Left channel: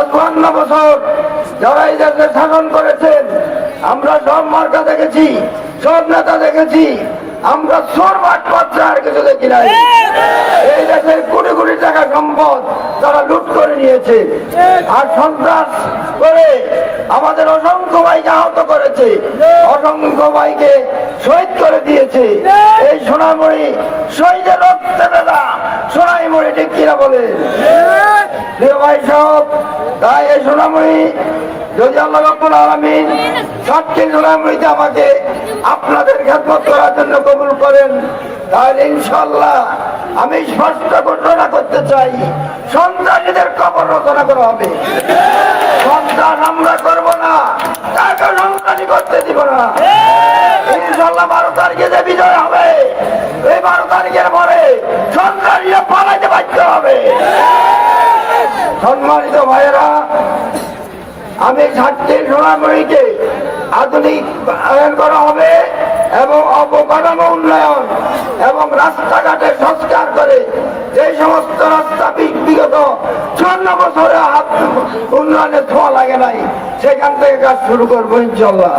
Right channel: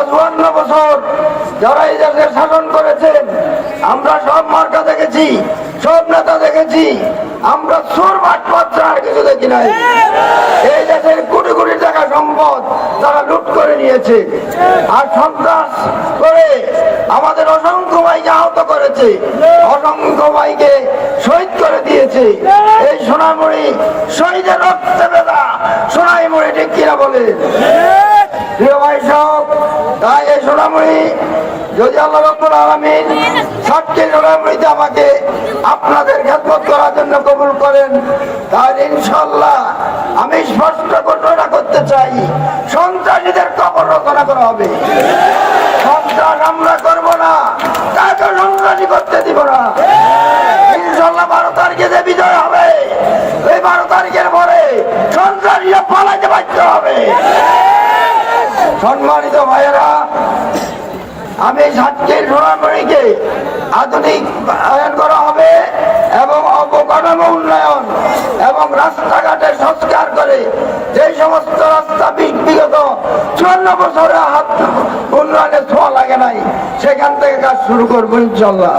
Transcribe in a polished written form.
52 বছর যারা এই দেশে শাসন করেছেন, আমরা সব মার্কা দেখেছি, সব নেতা দেখেছি, আমরা চোর বাটপার আর কিছু দেখি নাই। এই দেশের কোটি কোটি টাকা সম্পদ তারা লুট করে নিয়েছে আর সন্ত্রাস করে আমাদের অসংখ্য ভাইকে আহত করেছে, অসংখ্য ভাইকে শহীদ করে দিয়েছে। এই সোনামণি শহীদের রক্তে বেদা সোনাইমণি, ঠিক কিনা বলে প্রিয় ভাই সব। তাই এই সোনামণি যদি আল্লাহ রাব্বুল আলামিন সবকে সোনামণিতে আমাকে আপনাদের খেদমত করার জন্য কবুল করেন, তাহলে ইনশাআল্লাহ আমি স্পষ্ট ঘোষণা করতে চাই, সন্ত্রাসীদের কবর রচনা করা হবে। সন্ত্রাস আমরা করব না, কাকে সন্ত্রাসী করতে দিব না। ইনশাআল্লাহ 12 তারিখে যে বিজয় হবে, এই 12 তারিখের পরে সন্ত্রাসীরা পালাইতে বাধ্য হবে। সম্মানিত ভাইয়েরা, আমি সাতক্ষীর সোনামণিকে আধুনিকায়ন করা হবে এবং অবকাঠামো উন্নয়ন এবং রাস্তাঘাটের সংস্কার করে যে সমস্ত রাস্তা বিগত 54 বছরে উন্নয়নের ছোঁয়া লাগে নাই, সেখান থেকে কাজ শুরু করবো ইনশাল্লাহ।